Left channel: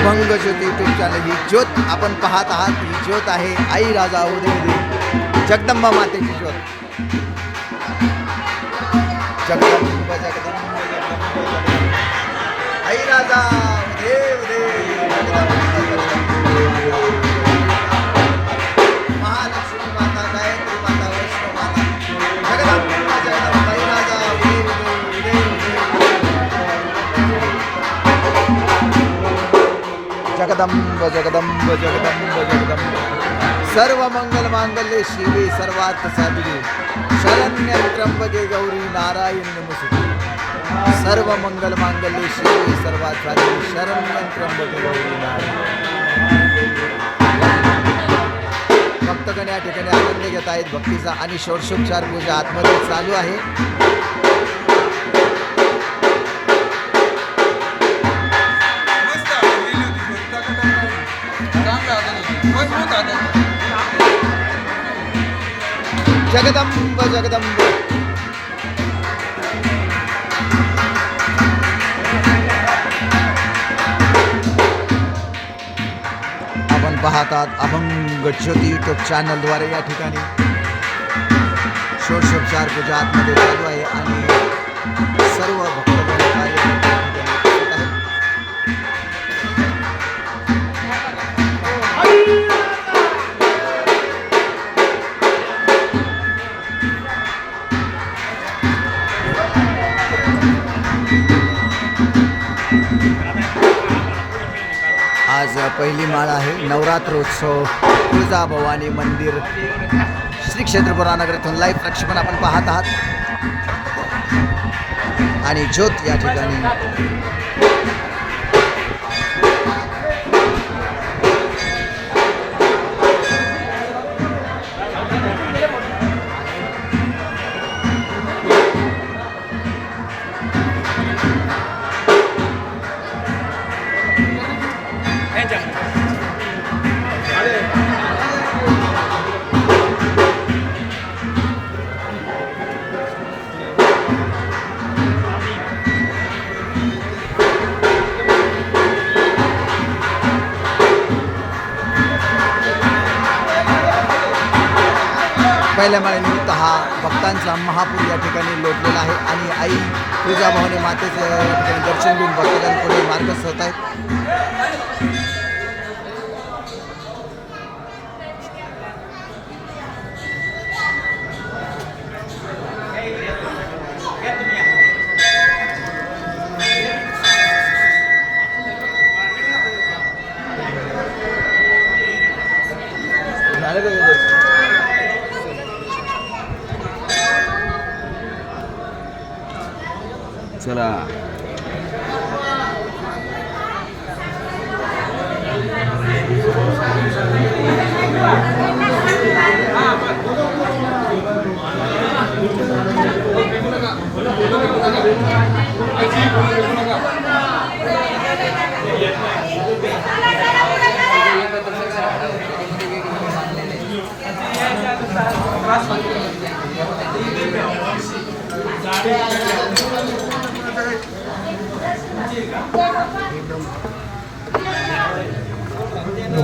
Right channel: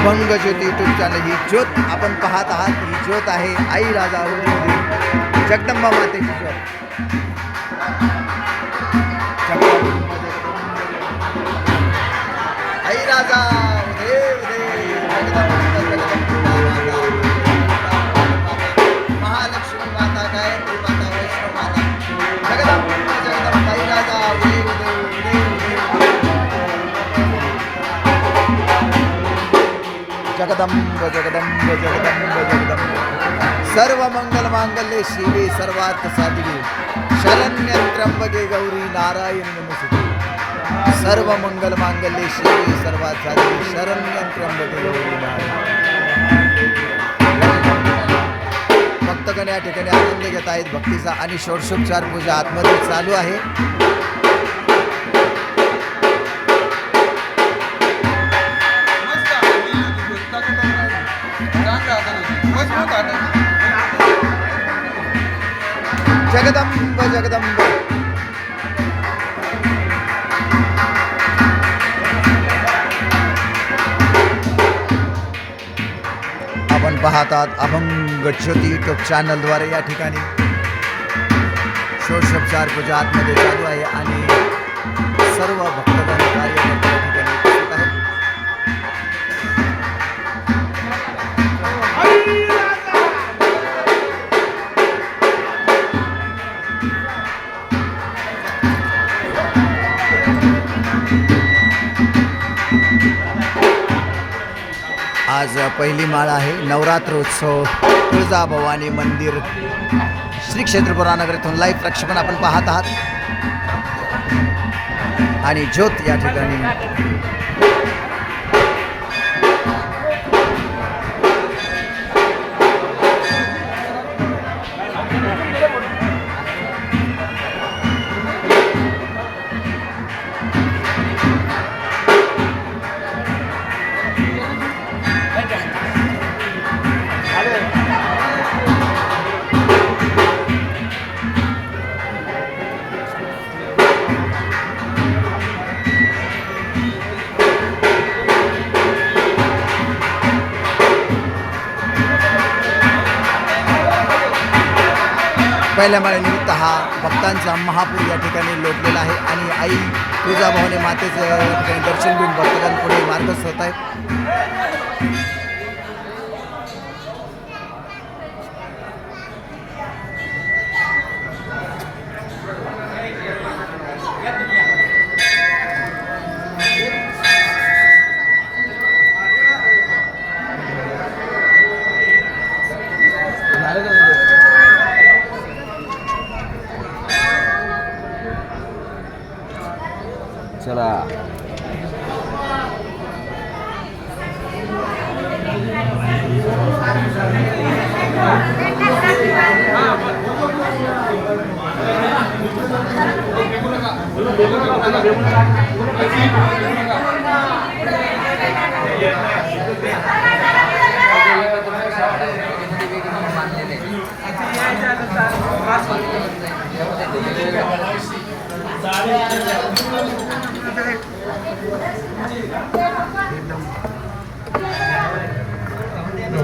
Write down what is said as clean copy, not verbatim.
अभंग ज्योती YouTube channel. ही ज्योत आपण पाहत आहात, ही ज्योत आहे आई राजा उदय जगदंबा मातेची ज्योत. जगदंबा आई राजा उदय जगदंबा महालक्ष्मी माता, गायत्री माता, वैष्णव माता, जगदंबा जगदंबा आई राजा उदय जगदंब जगदंब जगदंब जगदंब. सर्व मंगल मांगल्ये शिवे सर्वार्थ साधिके शरण्य त्र्यंबके गौरी नारायणी नमोस्तुते. सर्व मंगल मांगल्ये शिवे सर्वार्थ साधिके शरण्य त्र्यंबके गौरी नारायणी. भक्तगण या ठिकाणी आनंद घेत आहेत भक्तीचा आणि षोडशोपचार पूजा आतमध्ये चालू आहे. जगदंब जगदंब. आपण पाहतात अभंग ज्योती यूट्यूब चॅनलद्वारे या ठिकाणी षोडशोपचार पूजा आतमध्ये चालू आहे आणि सर्व भक्तगण कार्यकर्ते या ठिकाणी उपस्थित आहेत. आज पहिली माळ आहे. नवरात्रोत्सव तुळजाभवानी मंदिर श्री क्षेत्र पुराणनगर येथून लाईव्ह प्रक्षेपण आपण पाहत आहात आणि ज्योत या ठिकाणी पहिल्या माळेनिमित्त हा भक्तांचा महापूर या ठिकाणी लोटलेला आहे आणि आई तुळजाभवानी मातेचे या ठिकाणी दर्शन घेऊन भक्तांपुढे मार्गस्थ होत आहेत. चला No,